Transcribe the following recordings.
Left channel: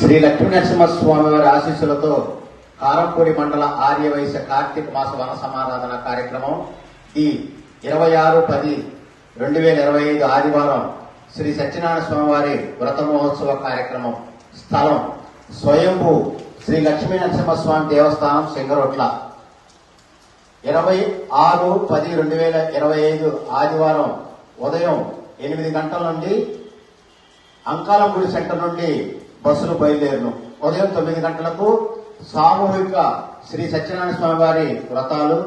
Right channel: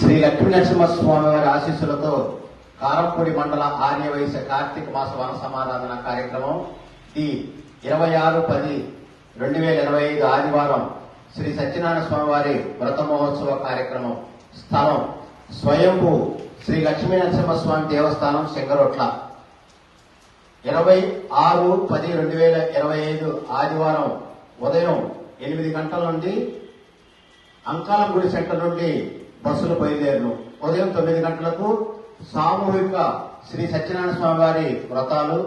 శ్రీ లక్ష్మీనరసింహస్వామి వారి ఆశీస్సులతో కారంపూడి మండల ఆర్యవైశ్య కార్తీక మాస వన సమాధాన కార్యక్రమం ఈ ఇరవై ఆరు పది రెండు వేల ఇరవై ఐదు ఆదివారం శ్రీ సత్యనారాయణ స్వామి వారి వ్రత మహోత్సవ కార్యక్రమం స్థలం స్వయంభూ శ్రీ లక్ష్మీ నరసింహస్వామి దేవస్థానం సింగరొట్ల ఇరవై ఆరు పది రెండు వేల ఇరవై ఐదు ఆదివారం ఉదయం ఎనిమిది గంటల నుండి అంకాలంగూడి సెంటర్ నుండి బస్సులు బయలుదేరును ఉదయం తొమ్మిది గంటలకు సామూహిక శ్రీ సత్యనారాయణ స్వామి వారి వ్రతాలు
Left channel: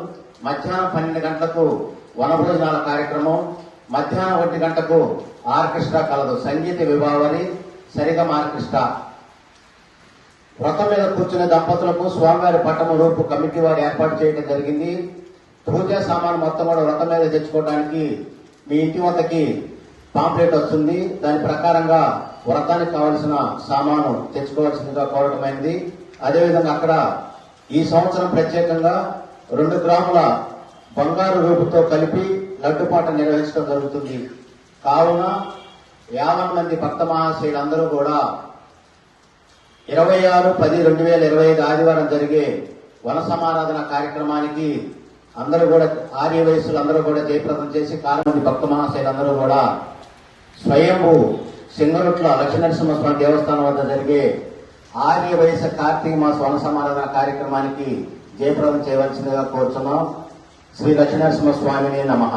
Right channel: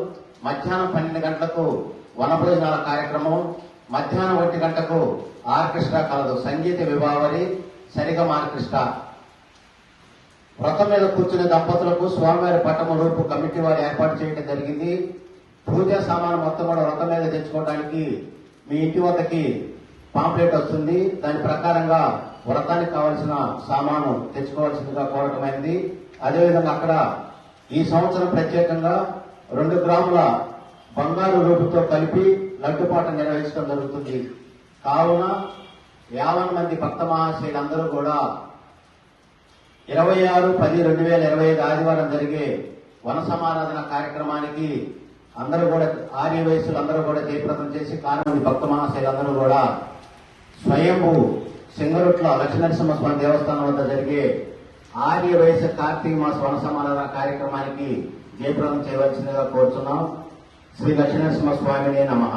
మధ్యాహ్నం పన్నెండు గంటలకు వనభోజనాల కార్యక్రమం మధ్యాహ్నం ఒంటి గంటకు ఆర్కెస్ట్రా కలదు సంగీత విభావరి సరిగమ ఆర్కెస్ట్రా వ్రతం మీద కూర్చునే దంపతులకు స్వామివారి పట్టణ రూపు కమిటీ వారు ఏర్పాటు చేయడం జరిగింది. పూజా సామాన్ మొత్తం కూడా వ్రతం మీద తెచ్చుకోవడానికి మీ ఇంటి వద్దకి పాంప్లెట్ వస్తుంది. దాని ప్రకారంగా వ్రతానికి కావలసిన సామాను తెచ్చుకోవాల్సిందిగా కోరటమైంది అదేవిధంగా అక్కడ ఈ సంవత్సరం ప్రత్యేకంగా రెండు గ్రాముల బంగారు రూపుతో కలిపి లడ్డుపాట నిర్వహించడం జరుగుతుంది. కావున యాభై మంది భక్త మహాశయులందరూ కూడా ఇరవై ఆరు పది రెండు వేల ఇరవై ఐదు ఆదివారం జరిగే వన సమారాధన కార్యక్రమానికి అందరూ కూడా ఆర్య వయస్సులు అందరూ కూడా జయప్రదం చేసి కారణం భక్త మహాశయులందరూ కూడా స్వయంభూ సింగరుట్ల లక్ష్మీనరసింహస్వామి దేవస్థానం వద్ద జరిగే ఆర్య వయస్సు కార్తీక మాస వనసమాన కార్యక్రమానికి జయప్రదం చేయవలసిందిగా కోరుతున్నాం శ్రీ లక్ష్మీనరసింహస్వామి నమః.